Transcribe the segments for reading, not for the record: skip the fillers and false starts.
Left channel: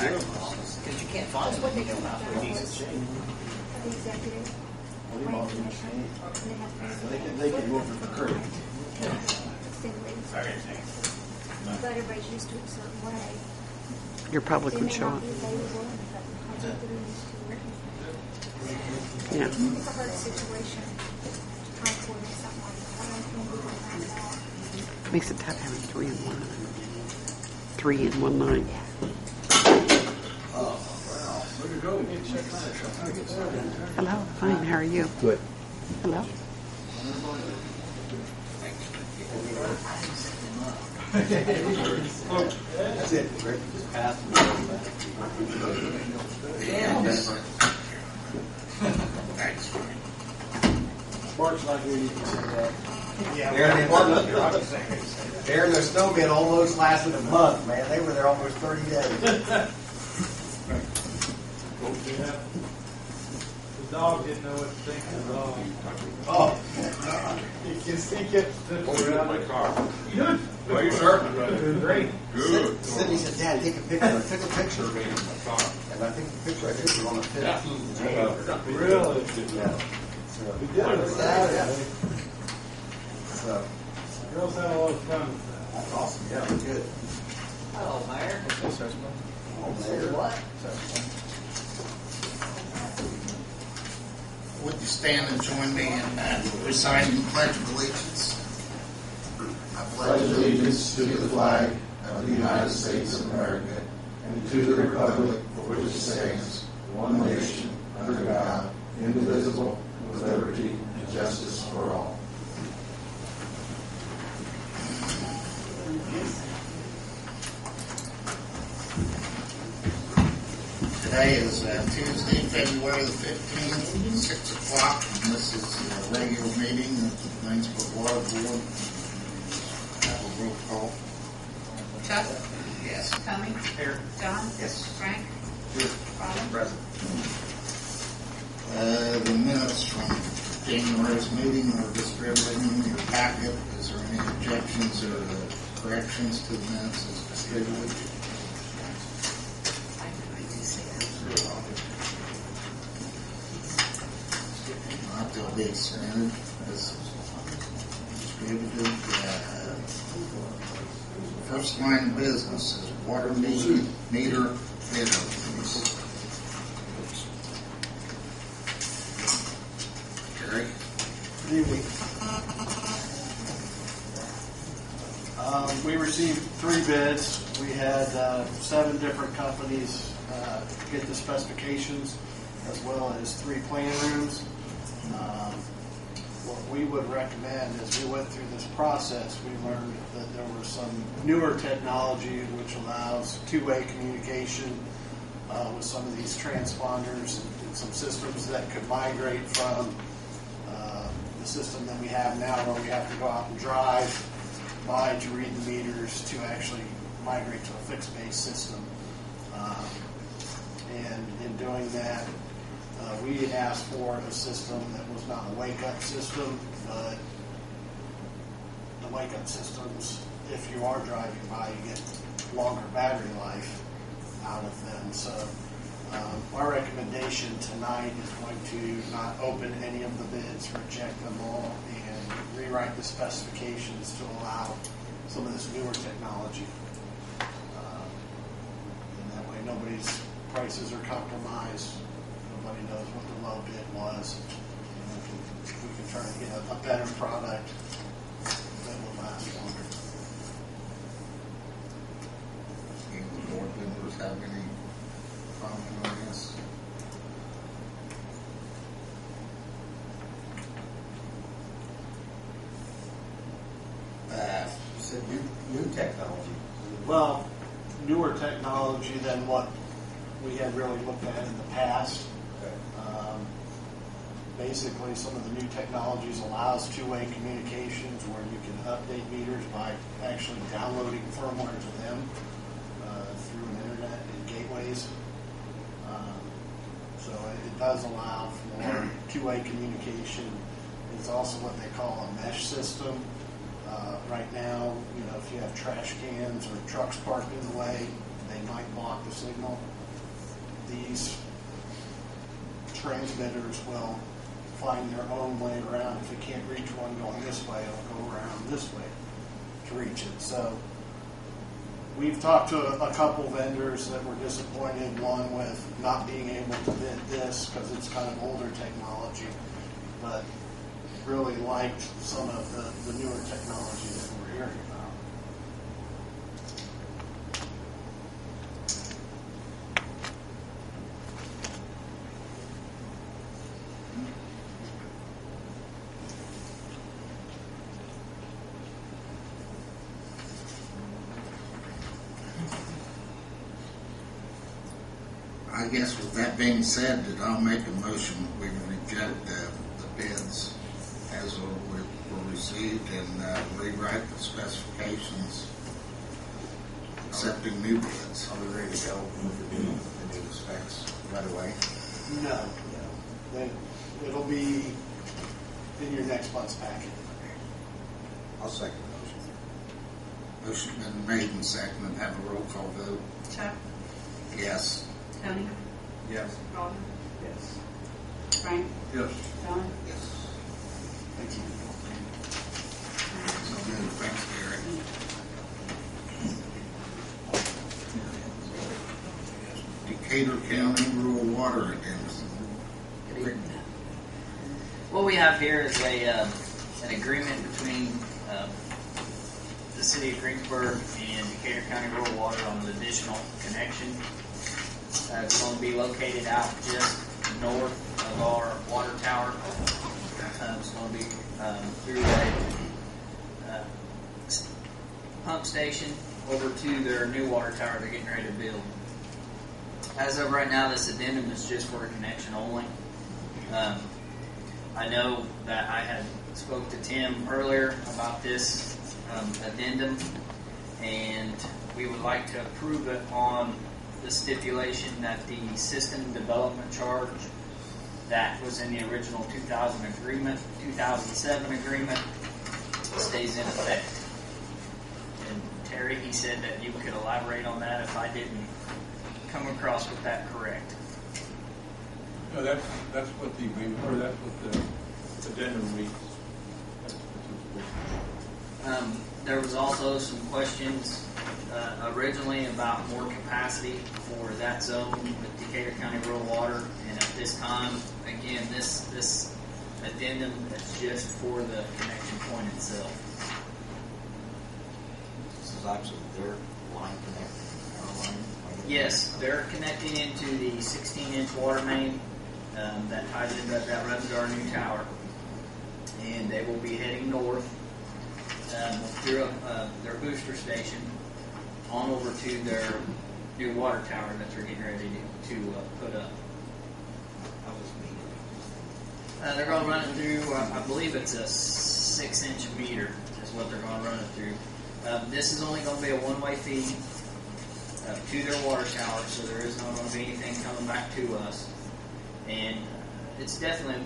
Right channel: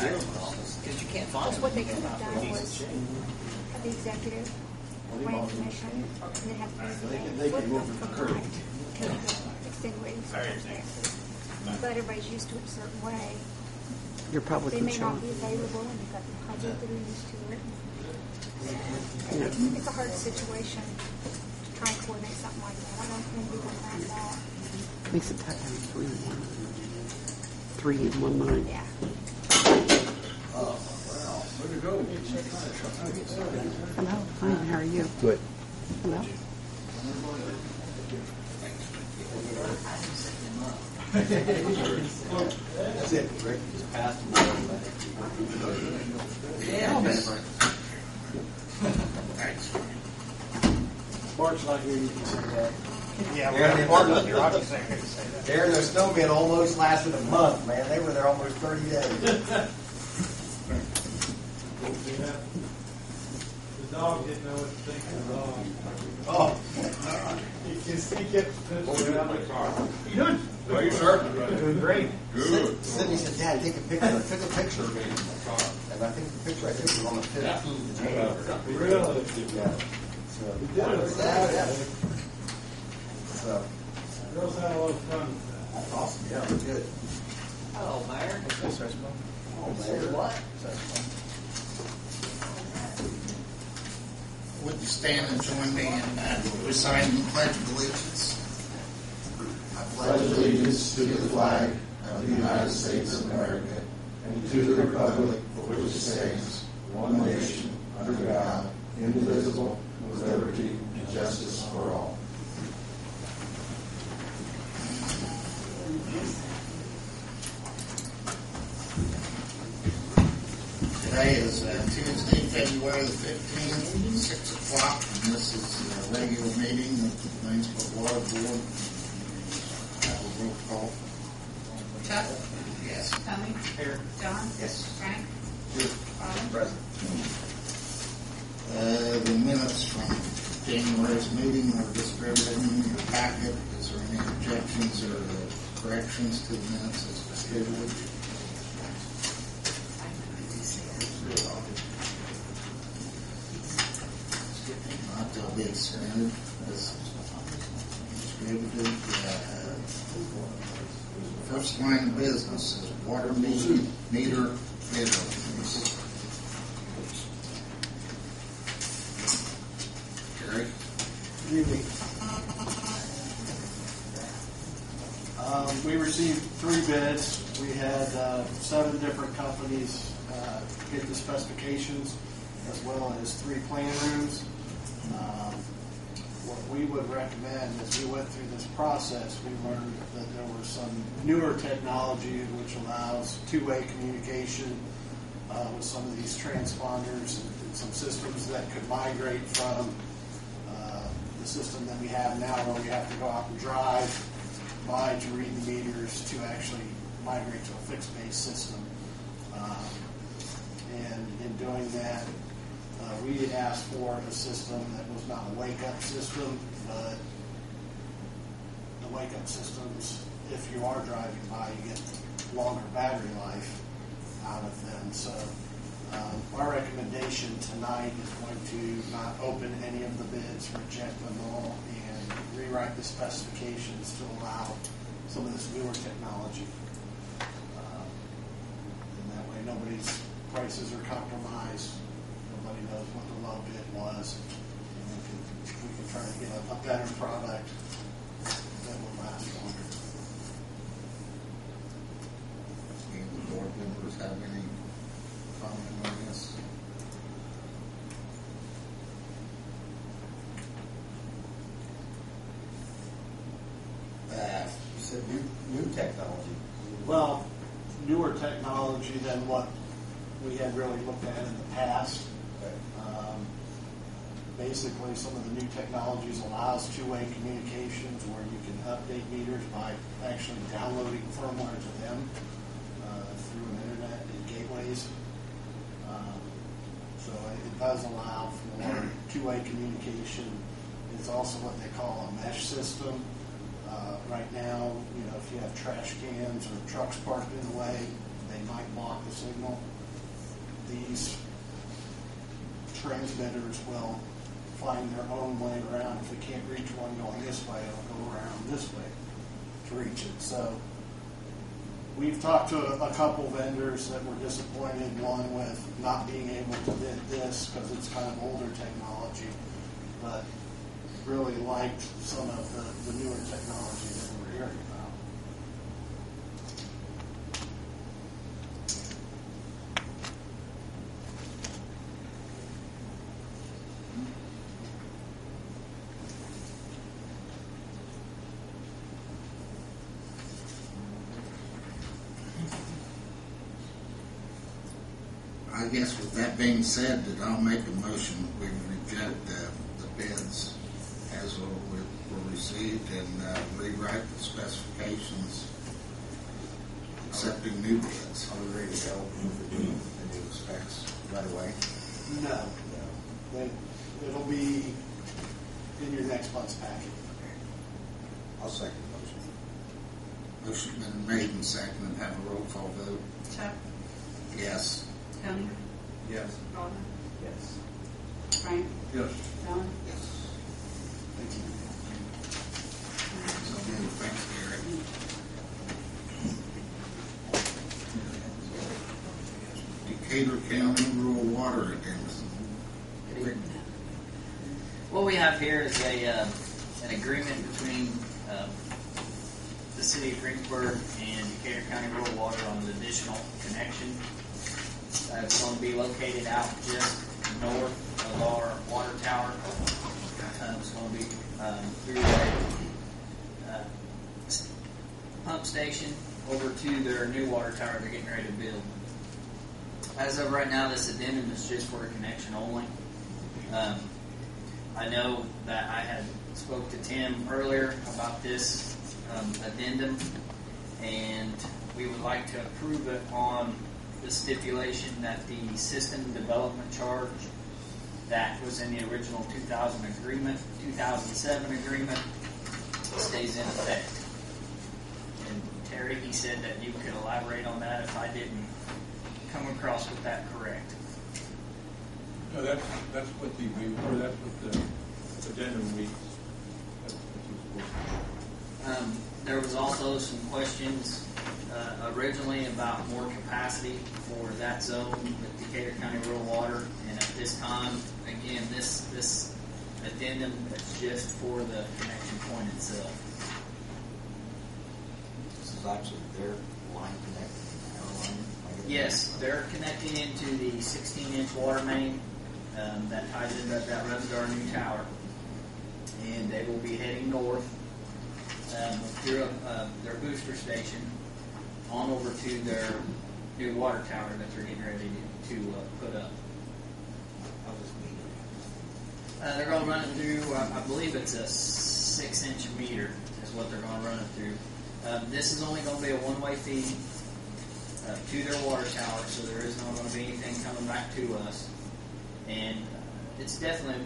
tax office because you can't find them. What they You could know, have for done these was exchange. the executive plan commission, and they have They can move it for current. extenuating circumstances. But everybody's used to it a certain way. Your public They would may show not up. be available, and you've got the budget that are used to it. Yeah. It's a hard situation to try and coordinate something like that. I don't think we can wrap it out. Makes it tough having 3 in one. 3 in one night. Yeah. Where'd you go? Hello. Fine. How are you? Good. Hello. That's it, Rick. Just pass them. Thanks. Mark's not here, you can say that. Yeah, Aaron, we're Aaron, their snowman almost lasted a month, man. They were there almost 30 days. The dog didn't know what to think of the dog. Oh, He kept sniffing around my car. You doing? how are you, sir? Doing great. Sydney said, Dad, take a picture. Took a picture of me. And I think the picture I took was on the 15th of January. Really? Yeah. So, We did it Saturday. so, Girls had a lot of fun with that. that's awesome. Yeah, it was good. Hello, Mayor. Oh, there. What? Would you stand and join me in reciting the Pledge of Allegiance? I pledge allegiance to the flag of the United States of America and to the republic for which it stands, one nation, under God, indivisible, with liberty and justice for all. Today is Tuesday, February the 15th, 6 o'clock, and this is a regular meeting of the Greensburg Water Board. Have a roll call. Chuck? Yes. Tommy? Here. John? Yes. Frank? Here. Robin? Present. The minutes from January's meeting are distributed in your packet. Is there any objections or corrections to the minutes as distributed? Not they'll be accepted as distributed. First line of business is water meter bid openings. Jerry? Good evening. We received 3 bids. We had 7 different companies get the specifications, as well as 3 plan rooms. What we would recommend as we went through this process, we learned that there was some newer technology which allows two-way communication with some of these transponders and some systems that could migrate from the system that we have now, where we have to go out and drive by to read the meters, to actually migrate to a fixed-base system. And in doing that, we asked for a system that was not a wake-up system, but the wake-up systems, if you are driving by, you get longer battery life out of them. So our recommendation tonight is going to not open any of the bids, reject them all, and rewrite the specifications to allow some of this newer technology. And that way nobody's prices are compromised. Nobody knows what the low bid was. And we can try to get a better product that will last longer. Any of the board members have any comment on this? You said new technology. Well, newer technology than what we had really looked at in the past. Basically, some of the new technologies allows two-way communications where you can update meters by actually downloading firmware to them through an internet and gateways. So it does allow for two-way communication. It's also what they call a mesh system. Right now, if you have trash cans or trucks parked in the way, they might block the signal. These transmitters will find their own way around. If it can't reach one going this way, it'll go around this way to reach it. So we've talked to a couple vendors that were disappointed, one with not being able to vent this because it's kind of older technology, but really liked some of the newer technology that we're hearing about. I guess with that being said, that I'll make a motion that we reject the bids as were received and rewrite the specifications, accepting new bids. Are we ready to go with the new specs right away? No. It'll be in your next month's packet. I'll second the motion. Motion been made and seconded. Have a roll call vote. Chuck, Yes. Tony, Yes. Rhonda, Yes. Frank, Yes. John. Yes. Thank you. So moved. Thanks, Gary. Decatur County Rural Water Addendum. What we have here is an agreement between the city of Greensburg and Decatur County Rural Water on an additional connection. It's going to be located out just north of our water tower. It's going to be through a pump station over to their new water tower they're getting ready to build. As of right now, this addendum is just for a connection only. I know that I had spoke to Tim earlier about this addendum, and we would like to approve it on the stipulation that the system development charge that was in the original 2007 agreement stays in effect. And Terry, he said that you could elaborate on that if I didn't come across with that correct. No, that's what the agreement, or that's what the addendum reads. That's what's There was also some questions originally about more capacity for that zone with Decatur County Rural Water, and at this time, again, this addendum is just for the connection point itself. This is actually their line connecting our line. Yes, they're connecting into the 16-inch water main that ties in that runs to our new tower, and they will be heading north through their booster station on over to their new water tower that they're getting ready to put up. How does it mean? They're going to run it through, I believe it's a 6-inch meter is what they're going to run it through. This is only going to be a one-way feed to their water tower, so there is not going to be anything coming back to us. And it's definitely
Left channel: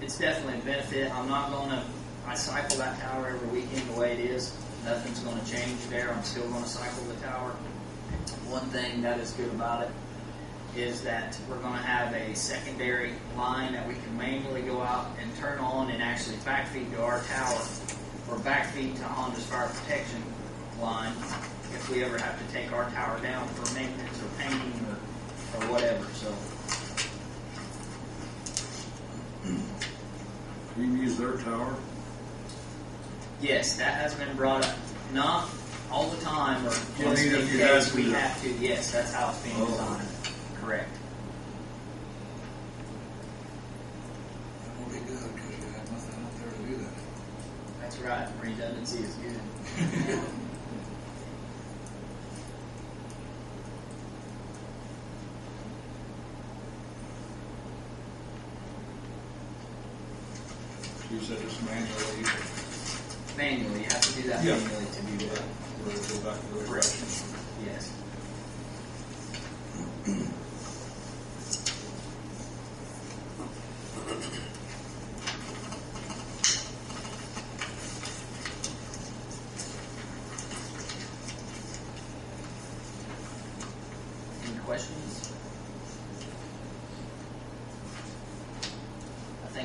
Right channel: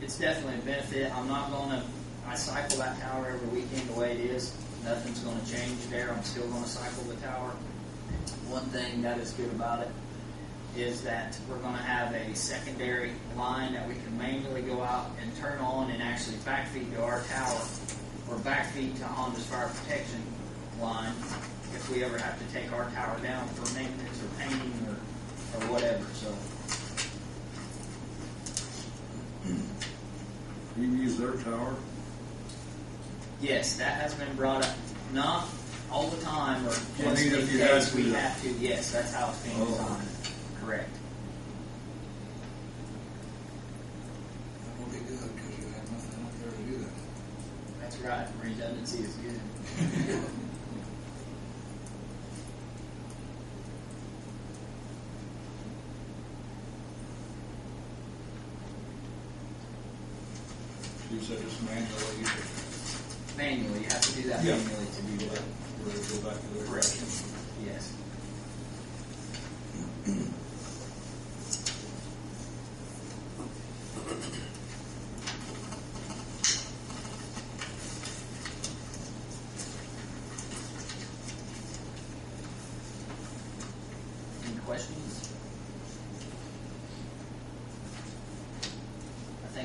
a benefit. I'm not going to, I cycle that tower every weekend the way it is. Nothing's going to change there. I'm still going to cycle the tower. One thing that is good about it is that we're going to have a secondary line that we can manually go out and turn on and actually backfeed to our tower, or backfeed to Honda's fire protection line if we ever have to take our tower down for maintenance or painting or whatever. So You use their tower? yes, that has been brought up. Not all the time, or just Well, I mean, in if you had case we to. have to. Yes, that's how it's being designed. Correct. That will be good because you have nothing out there to do that. That's right. Redundancy is good. You said it's manually, Manually, you have to do that Yeah. manually to do that. we'll go back to the Correct. directions. Yes.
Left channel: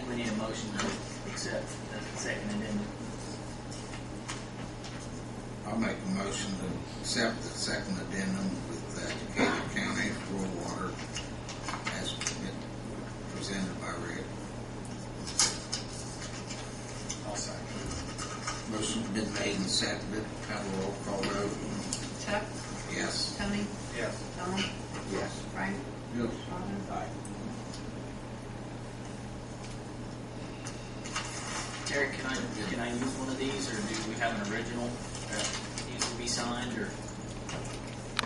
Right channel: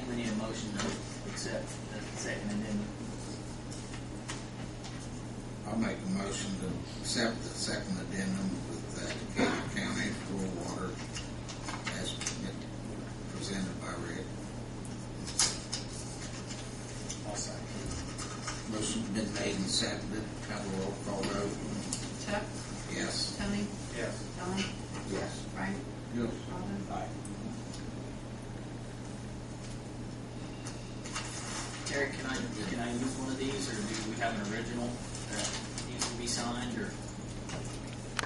we need a motion to accept the second addendum. I'll make a motion to accept the second addendum with Decatur County rural water as presented by Rick. I'll second. Motion's been made and seconded. Have a roll call vote. Chuck, Yes. Tony, Yes. Don, Yes. Frank, Yes. Robin. Aye. Terry, can I use one of these, or do we have an original that needs to be signed, or?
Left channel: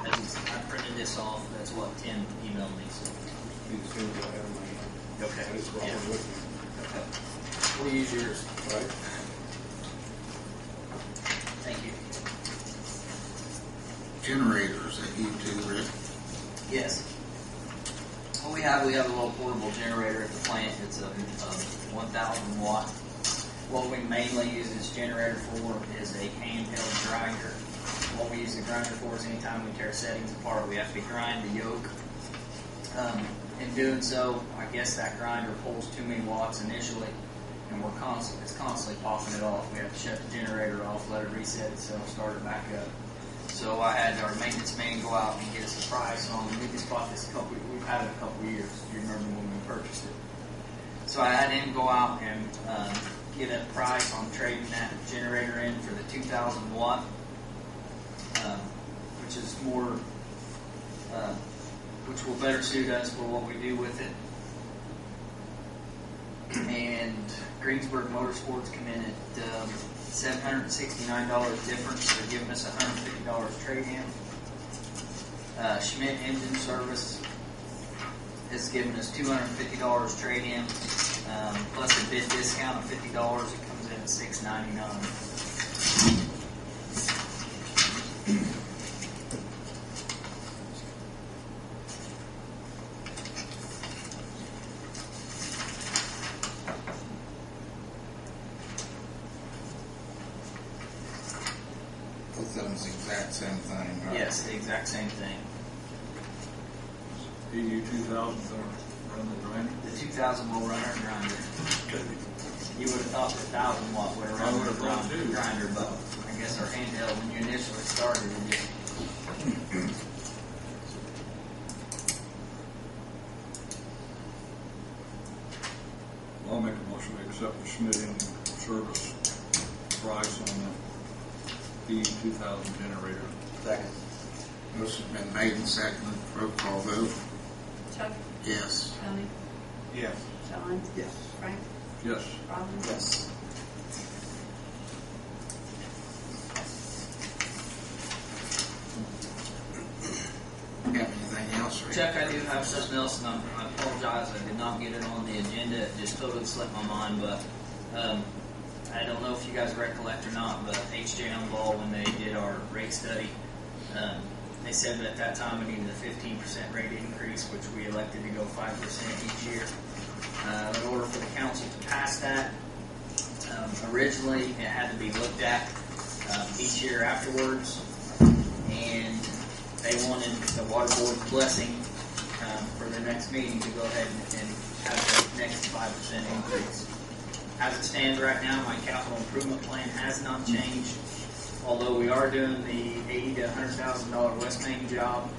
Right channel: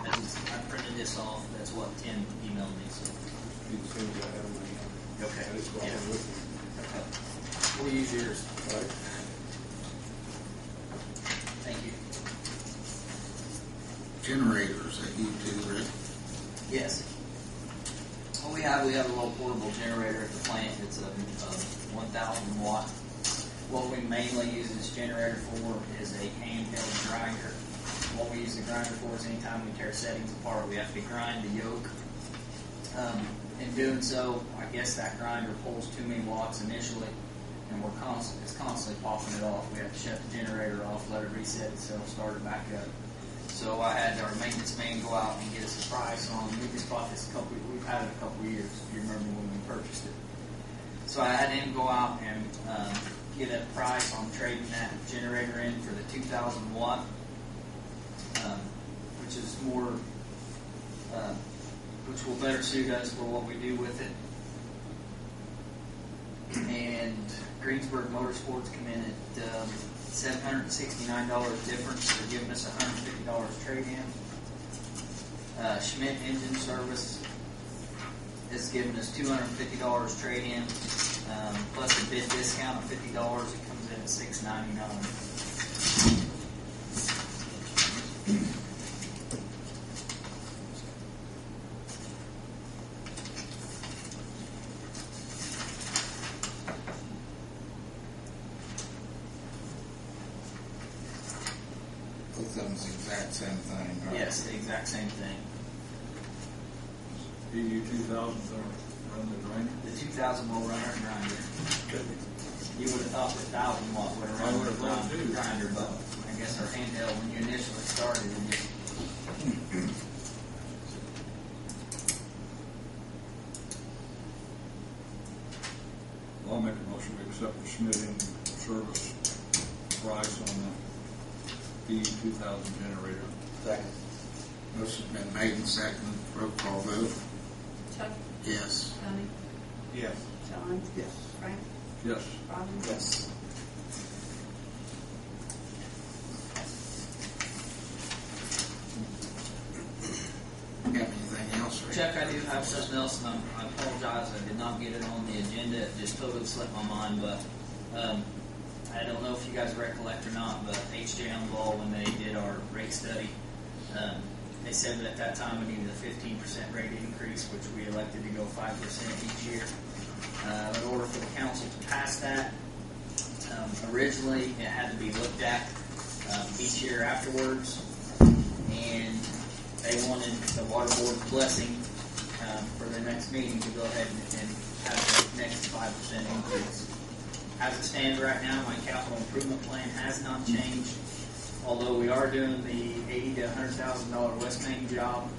I printed this off. That's what Tim emailed me. So. Be the same as I have in my hand. Okay. I just brought Yeah. it with me. Okay. We'll use yours. Right? Thank you. Generators that you do, Rick. Yes. Well, we have a little portable generator at the plant. It's a 1,000 watt. What we mainly use this generator for is a handheld grinder. What we use the grinder for is anytime we tear settings apart, we have to grind the yoke. In doing so, I guess that grinder pulls too many watts initially, and it's constantly popping it off. We have to shut the generator off, let it reset itself, start it back up. So I had our maintenance man go out and get us a price on. We just bought this we've had it a couple years. If you remember when we purchased it. So I had him go out and get a price on trading that generator in for the 2,000 watt, which is more, which will better suit us for what we do with it. And Greensburg Motorsports come in at $769 difference. They're giving us $150 trade-in. Schmidt Engine Service is giving us $250 trade-in, plus a bid discount of $50. It comes in at $699. Both of them's the exact same thing, right? Yes, the exact same thing. EU 2000 run the grinder. The 2000 will run our grinder. You would have thought the 1000 watt would have I run would have the thought too. grinder, but I guess our handheld, when you initially started, it just I'll make a motion to accept the Schmidt Engine Service price on the EU 2000 generator. Second. Motion's been made and seconded. Roll call vote. Chuck, Yes. Tony, Yes. Don, Yes. Frank, Yes. Robin. Yes. Got anything else, Rick? Chuck, I do have something else, and I apologize. I did not get it on the agenda. It just totally slipped my mind. But I don't know if you guys recollect or not, but H.J. Ball, when they did our rate study, they said that at that time we needed a 15% rate increase, which we elected to go 5% each year. In order for the council to pass that, originally it had to be looked at each year afterwards, and they wanted the water board's blessing for the next meeting to go ahead and have the next 5% increase. As it stands right now, my capital improvement plan has not changed, although we are doing the $80,000 to $100,000 West Main job.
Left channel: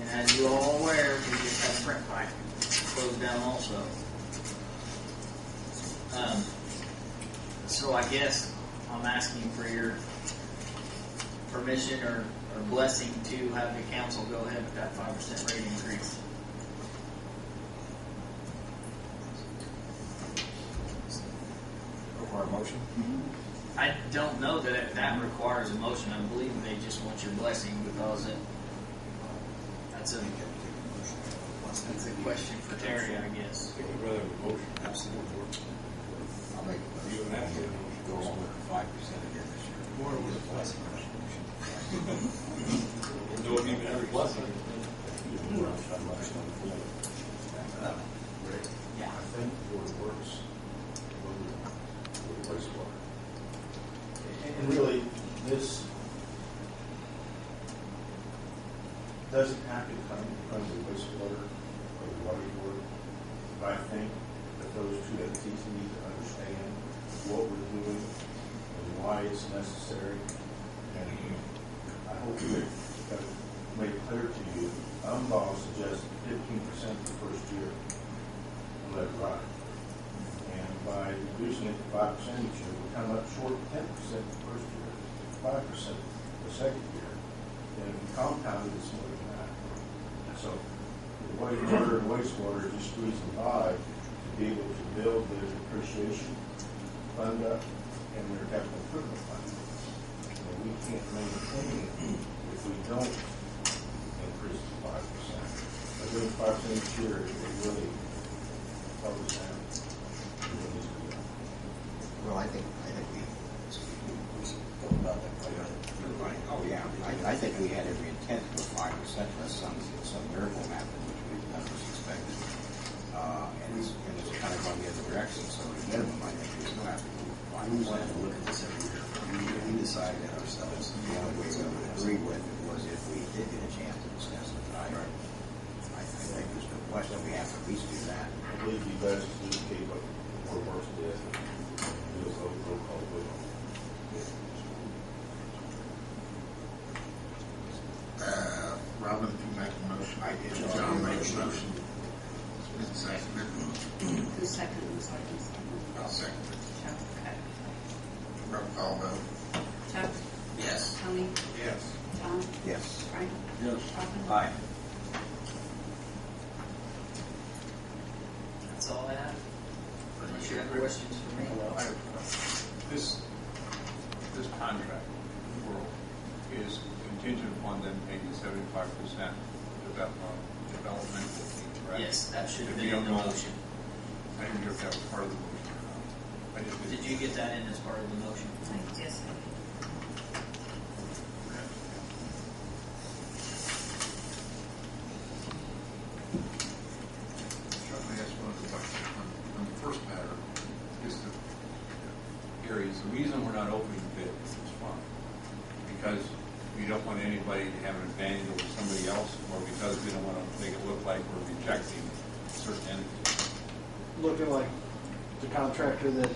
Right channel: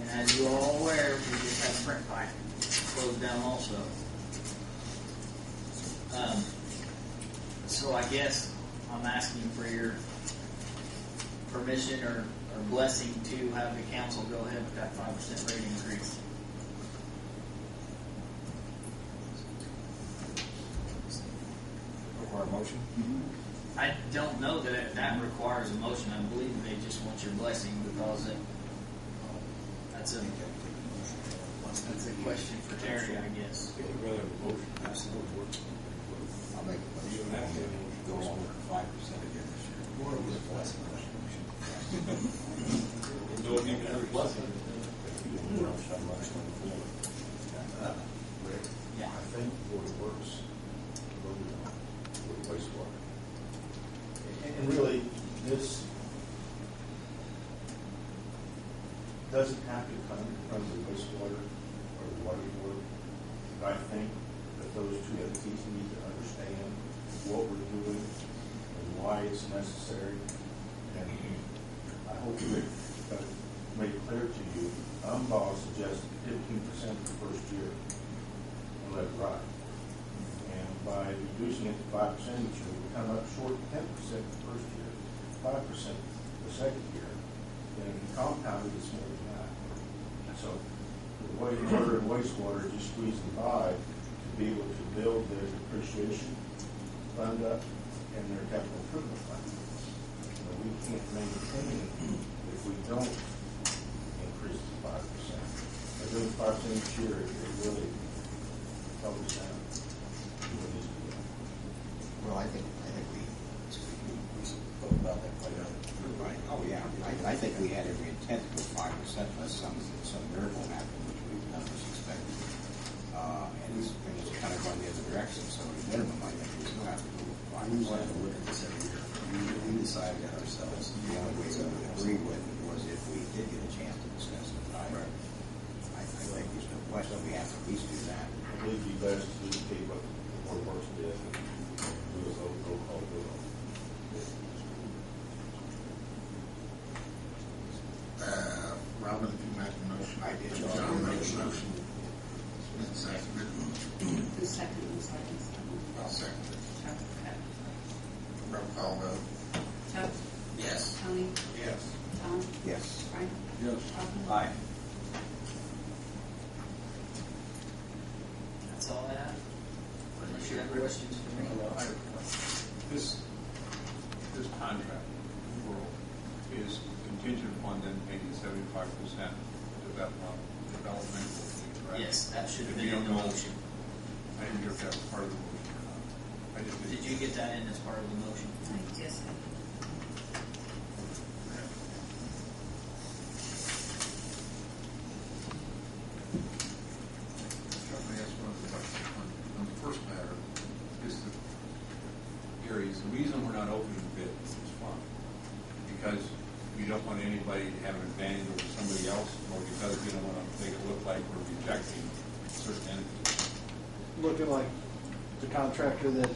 And as you all are aware, we just had a print pipe closed down also. So I guess I'm asking for your permission or blessing to have the council go ahead with that 5% rate increase. Require a motion? I don't know that that requires a motion. I believe they just want your blessing because that's a question for Terry, I guess. I think we'd rather have a motion. Absolutely. I'll make a motion. You don't have to have a motion. Go on with 5% again this year. More Get with a blessing on that motion. Don't even have a blessing. Rick, Yeah. I think Board of Works voted on the wastewater. And really, this doesn't have to come from the wastewater or the water board, but I think that those two entities trustees need to understand what we're doing and why it's necessary. And I hope that I've made it clear to you, UMBAW suggests 15% the first year on lead drive. And by reducing it to 5% each year, we come up short 10% the first year, 5% the second year. And if you compound it, it's more than that. So the way water and wastewater just squeezing by to be able to build their depreciation fund up and their capital improvement fund. And we can't maintain it if we don't increase to 5%. By doing 5% each year, it really covers down. Well, I think we spoke about that quite a bit. Right. Oh, yeah. I think we had every intent to go 5% unless some miracle happened, which none of us expected. And it's kind of going the other direction. So at minimum, I think we still have to go 5%. We wanted to look at this every year. We decided that ourselves. The only way we would agree with it was if we did get a chance to discuss it. I think there's no question we have to at least do that. I believe you guys should indicate what the worst did. It was a roll call vote. Robin, if you make a motion. I did. John made a motion. It's been seconded. Who seconded? I'll second it. Chuck. Okay. Roll call vote. Chuck. Yes. Tony. Yes. John. Yes. Frank. Yes. Robin. Aye. That's all I have. Unless you have questions for me. I have a question. This contract world is contingent upon them paying 75% developmental fee, correct? Yes, that should have If been you in the don't know- motion. I didn't hear if that was part of the motion or not. I just Did you get that in as part of the motion? Yes, I did. Let me ask one of the questions. On the first matter, is the areas, the reason we're not opening bids is fine, because we don't want anybody to have an advantage over somebody else, or because we don't want to make it look like we're rejecting certain entities. Looking like the contractor that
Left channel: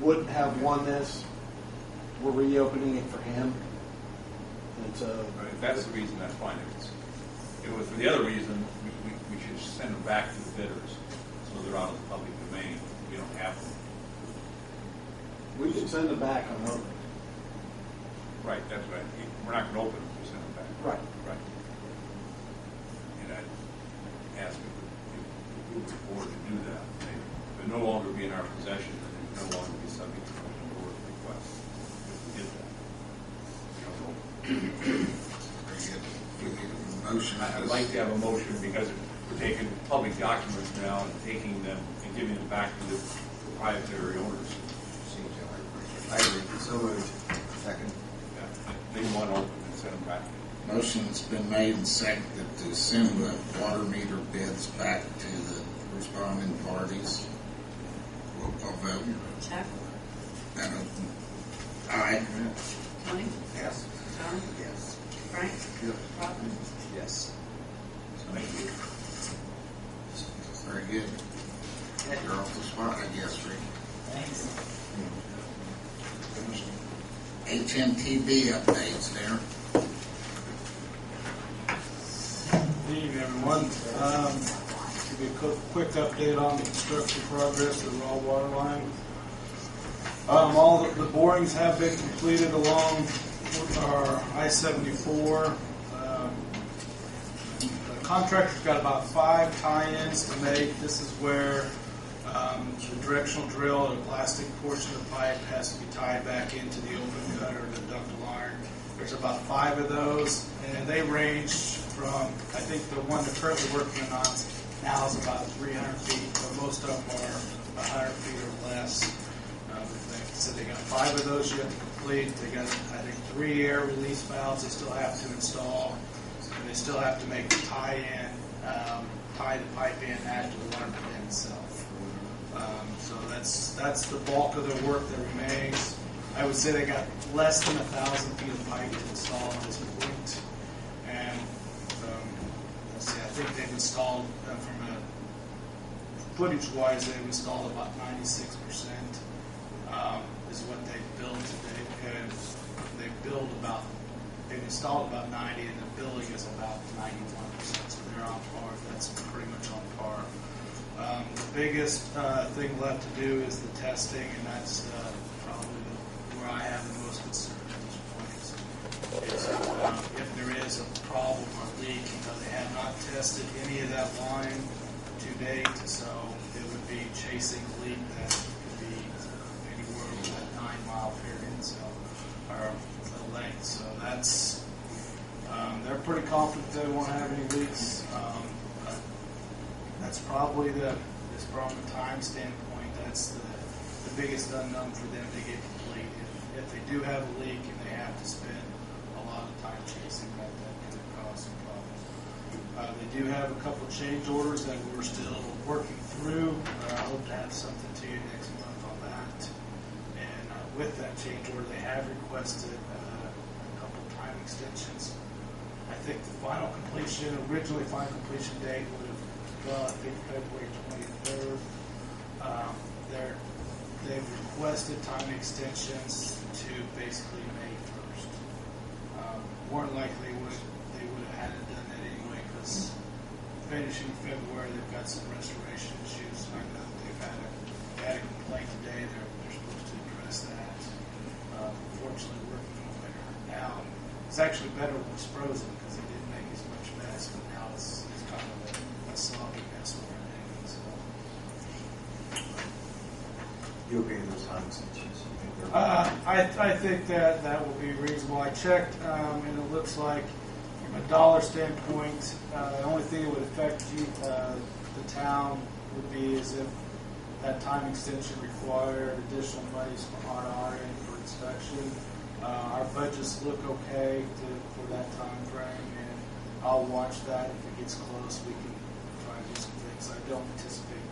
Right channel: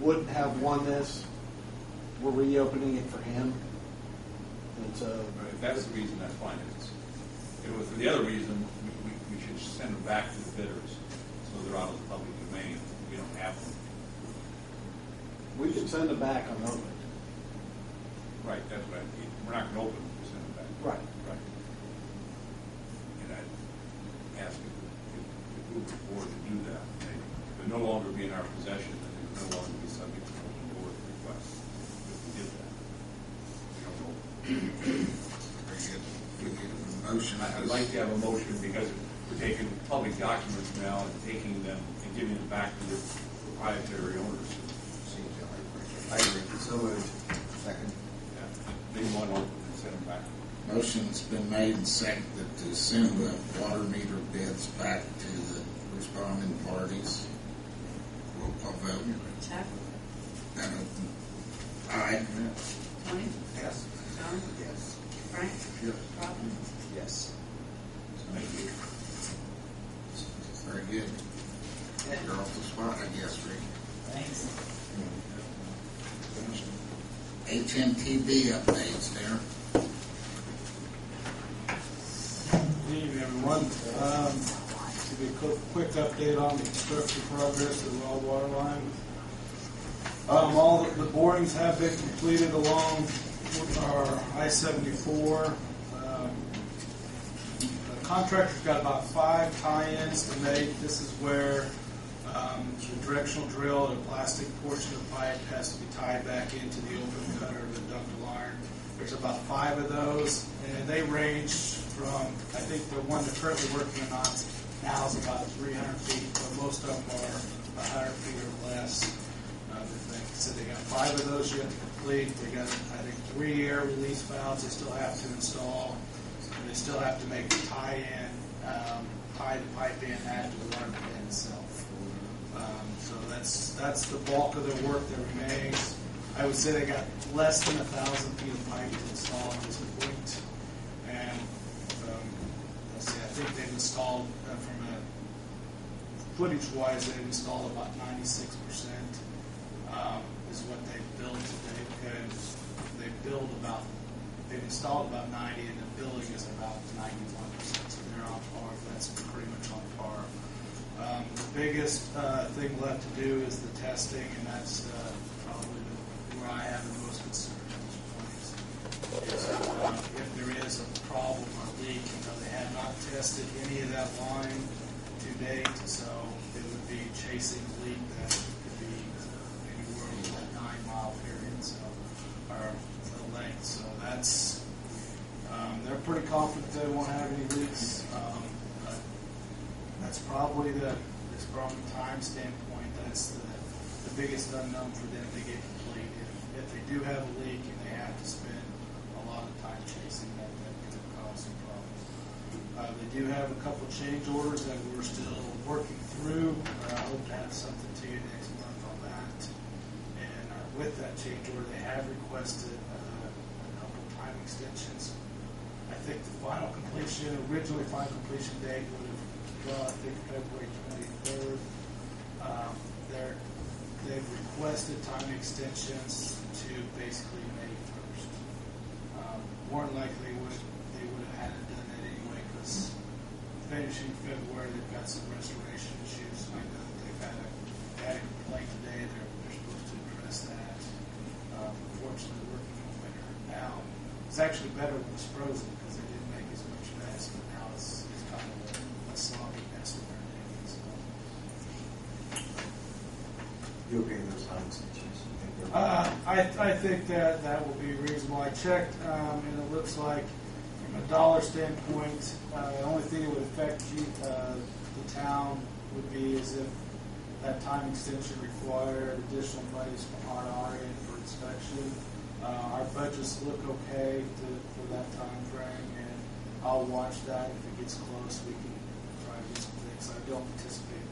wouldn't have won this, we're reopening it for him. And so, But if that's the reason, that's fine. If it was for the other reason, we should send them back to the bidders, so they're out of the public domain. We don't have them. we can send it back on opening. Right, that's right. We're not going to open them, we send them back. Right. Right. And I'd ask if we would board to do that. They would no longer be in our possession, and they would no longer be subject to the board request if we did that. We don't know. Very good. We get a motion. I'd like to have a motion because we're taking public documents now and taking them and giving them back to the proprietary owners. I agree. So moved. Second. Yeah. Leave one open and send them back. Motion's been made and seconded to send the water meter bids back to the responding parties. Roll call vote. Chuck. That open. Aye. Tony. Yes. John. Yes. Frank. Yes. Robin. Yes. Thank you. Very good. You're off the spot, I guess, Rick. Thanks. HMTB updates there. Good evening, everyone. Give you a quick update on the construction progress of the raw water line. All the borings have been completed along our I-74. The contractor's got about 5 tie-ins to make. This is where the directional drill or the plastic portion of the pipe has to be tied back into the open cut or the ductile iron. There's about 5 of those, and they range from, I think the one they're currently working on now is about 300 feet, but most of them are 100 feet or less. So they got 5 of those yet to complete. They got, I think, 3 air release valves they still have to install. And they still have to make the tie-in, tie the pipe in after the water plant itself. So that's the bulk of their work that remains. I would say they got less than 1,000 feet of pipe to install at this point. And let's see, I think they've installed from a footage-wise, they've installed about 96%, is what they've built today. And they've installed about 90, and the billing is about 91%, so they're on par. That's pretty much on par. The biggest thing left to do is the testing, and that's probably where I have the most concern at this point. Is if there is a problem or leak, they have not tested any of that line to date, so it would be chasing a leak that could be anywhere over that 9-mile period, or the length. So that's they're pretty confident they won't have any leaks. But that's probably from a time standpoint, that's the biggest unknown for them to get complete. If they do have a leak and they have to spend a lot of time chasing that could cause some problems. They do have a couple change orders that we're still working through. I hope to have something to you next month on that. And with that change order, they have requested a couple time extensions. I think the originally final completion date would have gone, I think, February 23rd. They've requested time extensions to basically May 1st. More than likely, they would have had it done that anyway, because finishing February, they've got some restoration issues. I know they've had a complaint today. They're supposed to address that. Unfortunately, working in the winter now. It's actually better when it's frozen because they didn't make as much mess, but now it's kind of a sloppy mess when they're digging. So. You agree with those time extensions? I think that will be reasonable. I checked, and it looks like from a dollar standpoint, the only thing that would affect the town would be is if that time extension required additional monies from our end for inspection. Our budgets look okay for that time frame, and I'll watch that. If it gets close, we can try to do some things. I don't anticipate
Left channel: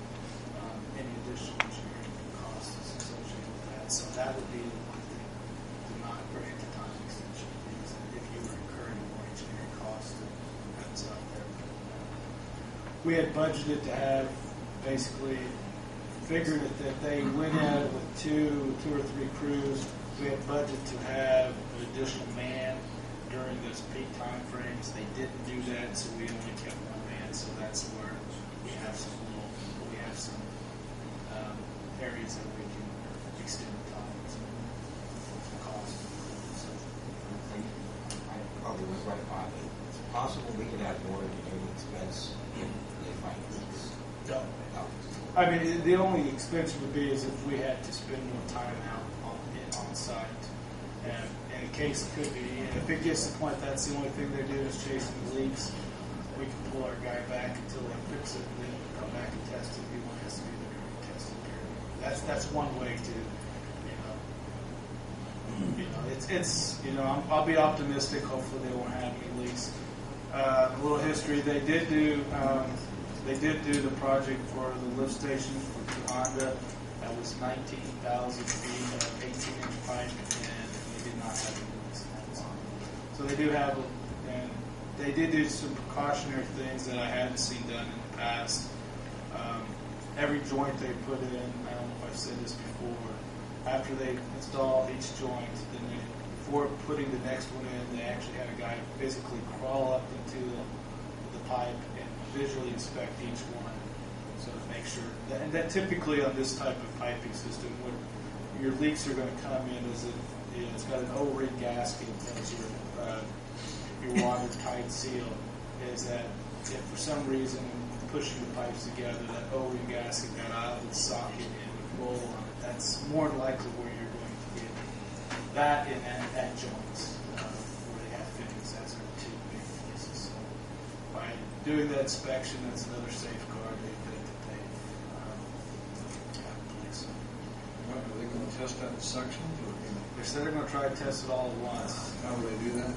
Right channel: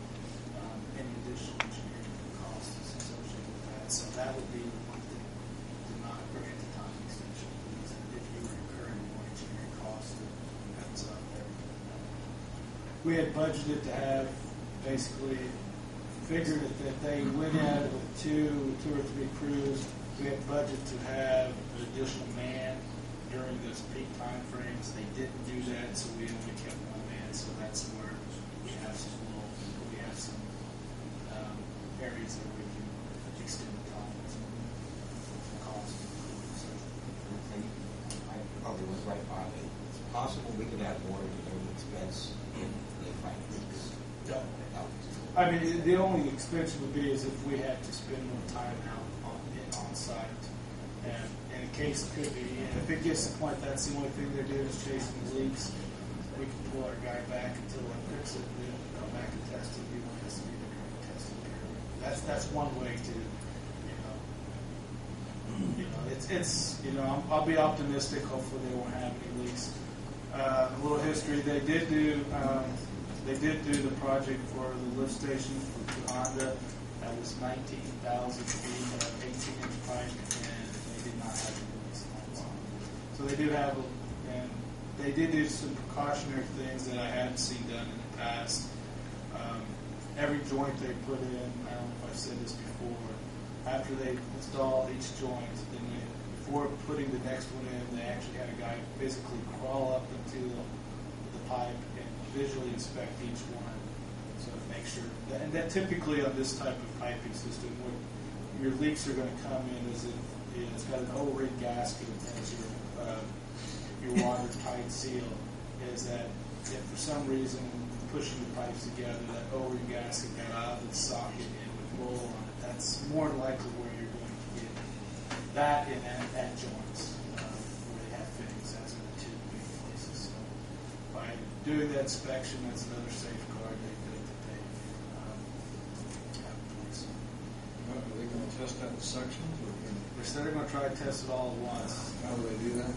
any additional engineering costs associated with that. So that would be the one thing to not grant the time extension, because if you were incurring more engineering costs, that's up there. We had budgeted to have basically figured that they went at it with two or three crews. We had budget to have an additional man during those peak time frames. They didn't do that, so we only kept one man. So that's where we have some areas that we can extend the time and some cost. So, I probably was right, Bob. It's possible we could have more engineering expense if they find leaks. No. I mean, the only expense would be is if we had to spend more time out on site. And in case it could be, if it gets to the point that's the only thing they do is chasing the leaks, we can pull our guy back until they fix it, and then come back and test it. He only has to be there during the testing period. That's one way to, I'll be optimistic. Hopefully they won't have any leaks. A little history: they did do the project for the lift station for Honda. That was 19,000 feet of 18-inch pipe, and they did not have any leaks in that one. So they do have, and they did do some precautionary things that I hadn't seen done in the past. Every joint they put in, I don't know if I've said this before, after they install each joint, then before putting the next one in, they actually had a guy basically crawl up into the pipe and visually inspect each one. So to make sure, and that typically on this type of piping system, what your leaks are going to come in is it's got an O-ring gasket as your watertight seal. Is that if for some reason pushing the pipes together, that O-ring gasket got out of its socket and would roll on it, that's more than likely where you're going to get that in at joints where they have fittings. That's the two big places. So by doing that inspection, that's another safeguard they put to pay. Are they going to test that in sections? Or They said they're going to try to test it all at once. how do they do that?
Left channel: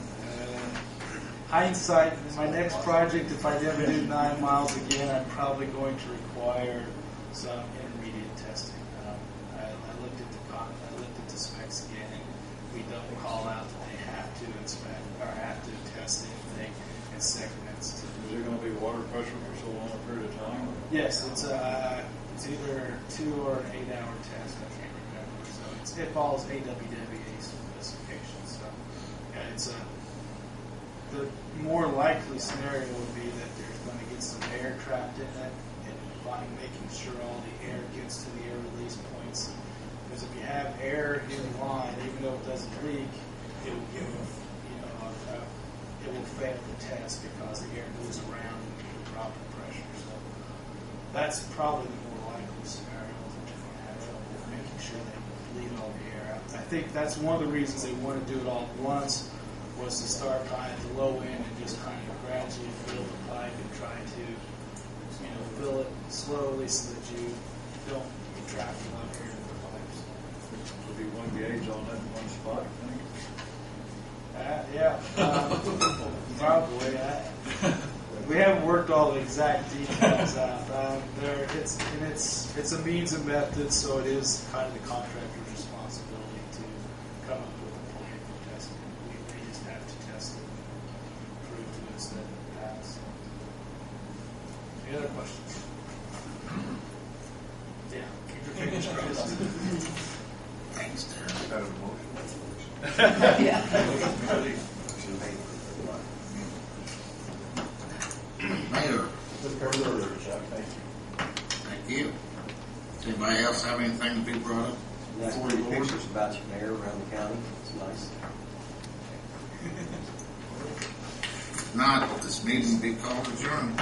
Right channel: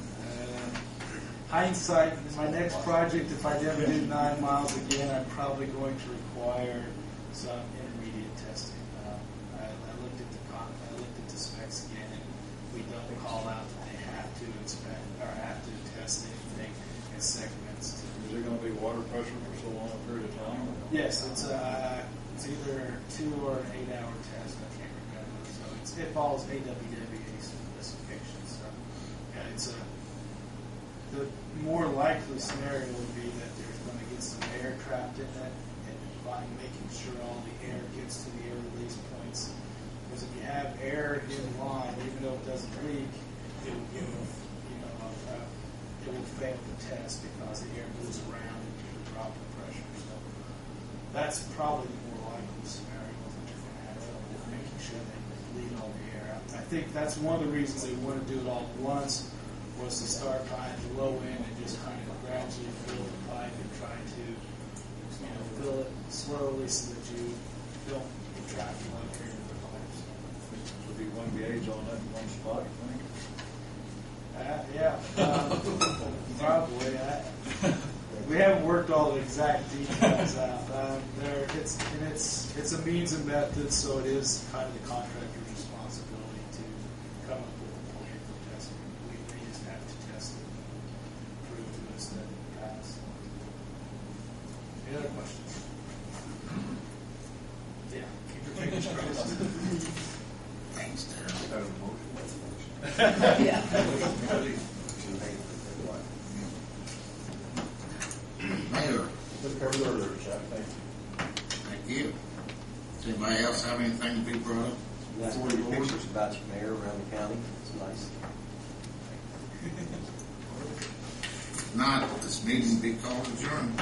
Hindsight, my next project, if I ever do 9 miles again, I'm probably going to require some intermediate testing. I looked at the specs again, and we don't call out that they have to inspect or have to test anything in segments. Is there going to be water pressure for so long a period of time? Yes, it's It's either 2 or an 8-hour test. I can't remember. So it follows AWWA specifications. So yeah, it's the more likely scenario would be that there's going to get some air trapped in that, and by making sure all the air gets to the air release points. Because if you have air in line, even though it doesn't leak, it will give it will fail the test because the air moves around and the drop in pressure. So that's probably the more likely scenario that they're going to have trouble making sure they lead all the air out. I think that's one of the reasons they want to do it all at once, was to start by at the low end and just kind of gradually fill the pipe and try to, fill it slowly so that you don't get trapped in a lot of air in the pipes. There'll be one gauge on that one spot, I think. Yeah, probably. We haven't worked all the exact details out. It's a means and method, so it is kind of the contractor's responsibility to come up with a plan for testing. We just have to test it and prove to us that it passed. Any other questions? Yeah, keep your fingers crossed. Thanks, Darren. Is that a motion? Yeah. Mayor, Chuck, thank you. thank you. Does anybody else have anything to be brought up? Nice pretty pictures about your mayor around the county. It's nice. If not, this meeting will be called adjourned.